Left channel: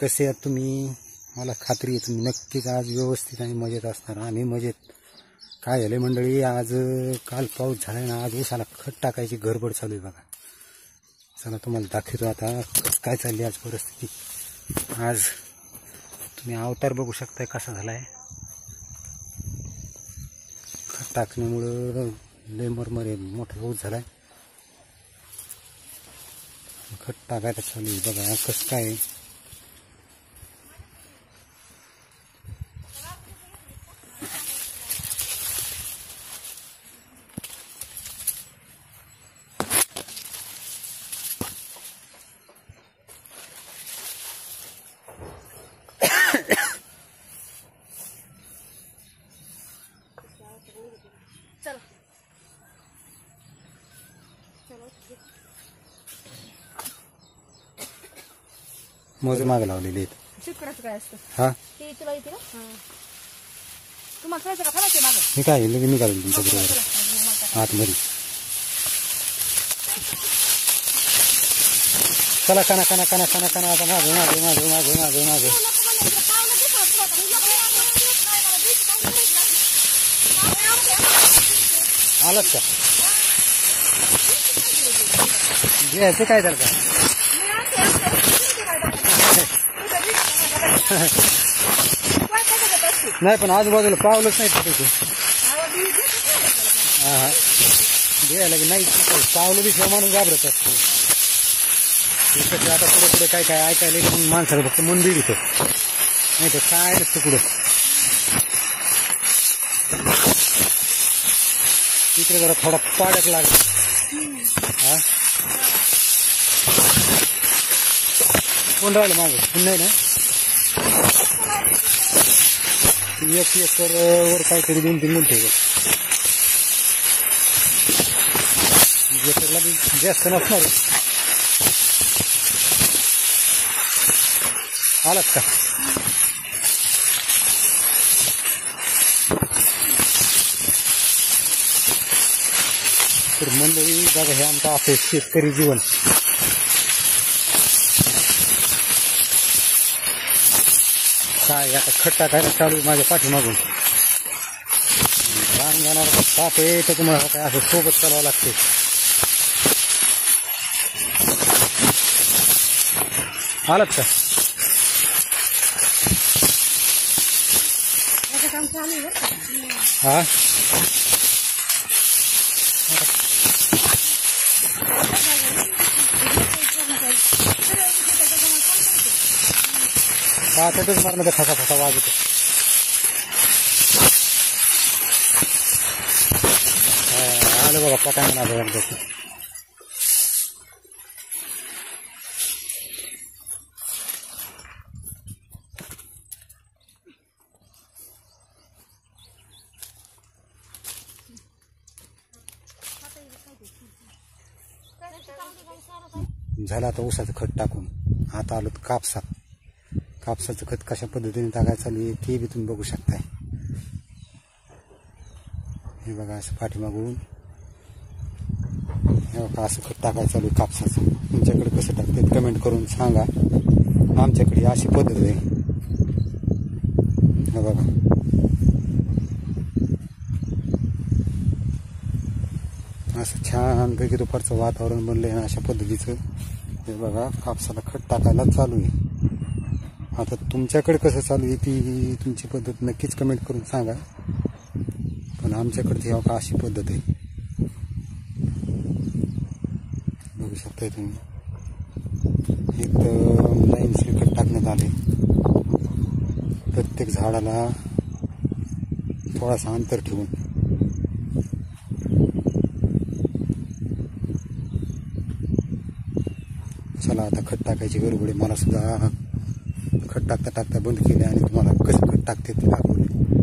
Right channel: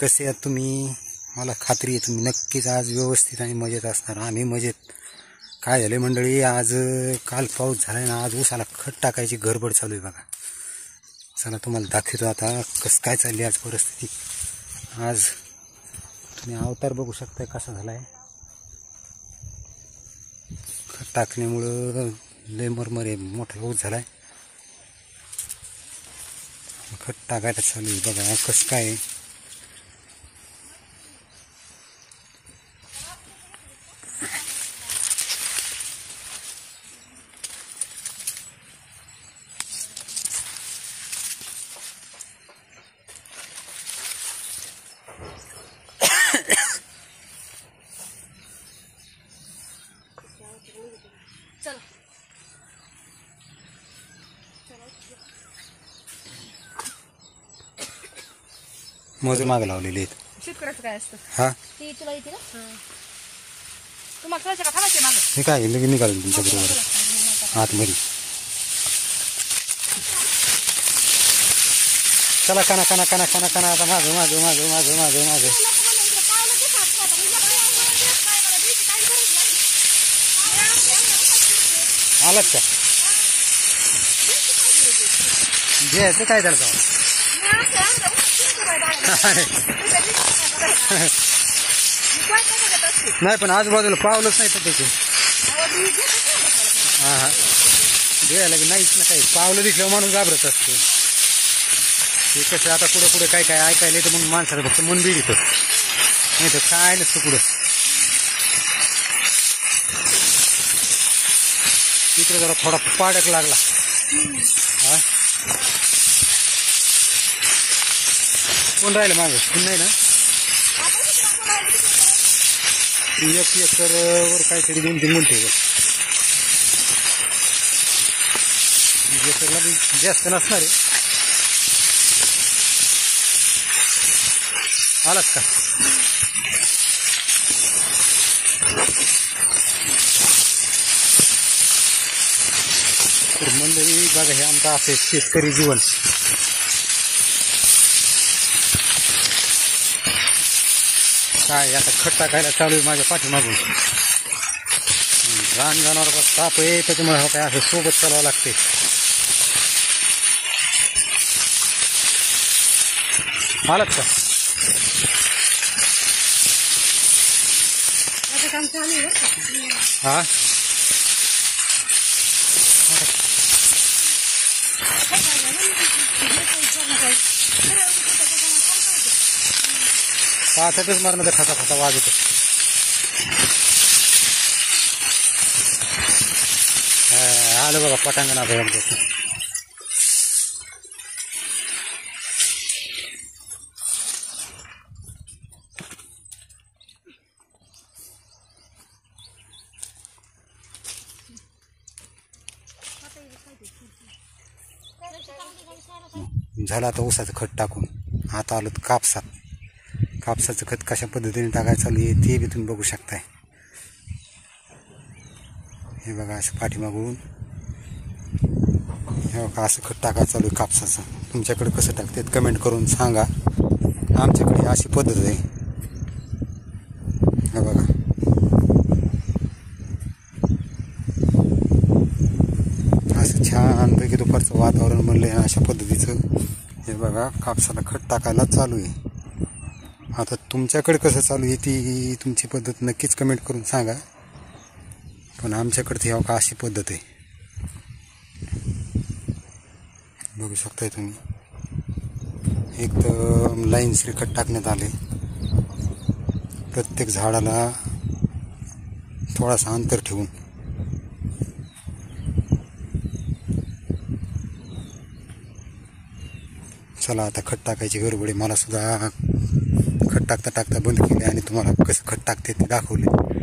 कसे आहात तुम्ही? मला खात्री आहे तुम्ही नक्कीच आज व्यवस्थित आणि मजेत असणार. आम्ही मजेत. काय झाले मंडळी, आज काल पाऊस झाला ना, आज ऊसाला खत टाकायची गडबड चालू आहे बघा. चला तुम्हाला दाखवतो आता कसं काय चालली आज परिस्थिती. आज तुम्ही अवतार बघू शकताय कसा झाला आहे. खत टाकण्यामुळं लय मरमर आहे, मोठा पाऊस झाला आहे. खत टाकायला चालू आहे बघा कसं काय. मजूर मागे लावलेले आहेत. शेतकऱ्याचं काय असतं हा ते तुला येते ना. तुम्हाला कळायचं का थांबायचे मागं. मी काय लगेच निघालो तुमच्या बरोबर आतमध्ये. चला काना काना काना काना काना आता मागं मागं मागं मागं मागं मागं आलात का? घ्यायचं काय त्याला नाही, पण आजूबाजूला पावलंच नाही तिथे. हा हा घ्यायला की नाहीच ना काही. पावलं दिसल्यावर माणूस घाबरत असतो. ते कसं आता पुढे पुढे काय काय ऐकायला येतं म्हणून माणसाला फक्त मन बिडीत नाही तर काय नसतं पुढं. तिकडे जरा थोडा पाडक लागला. हा कोण राहिलं मागं? कोण नाही ना. 1 एकर वर काहीतरी 2-3 गुंठे एकरला जास्त नसणार आहे. आलात का? तर मंडळी बघा, हे आमचं असं शेतकरी जीवन. काय आता खत टाकायला चालू आहे माझ्या पाठीमागून. रान जनावराचा ताप आहे त्याच्यामुळे काय असं सोबत चालावं लागते. आलात का? हा पाहतातच मारण्याचा खसा खसा वाजतो. आलं बघा पटांगण आता एकदा. झालं आता ऊसाचं खत टाकून. आता आलो कापसात. कापसाचं खत कशा पद्धतीने टाकायचं चालू आहे ते बी तुम्ही बघू शकताय. हे बघा असं पाठीमागून हे बघा असं खत टाकायचं चालू आहे कापसाचं. तुमच्याकडे कसं टाकतात कमेंट करून सांगा. आमच्याकडे अशी पद्धत आहे. हे बघा असं छानपैकी दुपारचं वातावरण बनलं आहे अशा पद्धतीचं. हे बघा कापसाला खत टाकायला चालू आहे. आता तुमच्याकडे कसं चालू आहे ती तुमची पद्धत नक्कीच कमेंट करून सांगा. पण आमच्याकडे ती का अशी पद्धत आहे बघू शकताय तुम्ही. एकदम लाईन खत टाकण्यात आले. प्रत्येक झाडाला थोडासा अंतर ठेवून. चला आता खत टाकायची गडबड आहे. मला सुद्धा खत टाकता टाकता बंद केले आणि तुम्हाला कसं खत टाकते ते दाखवले.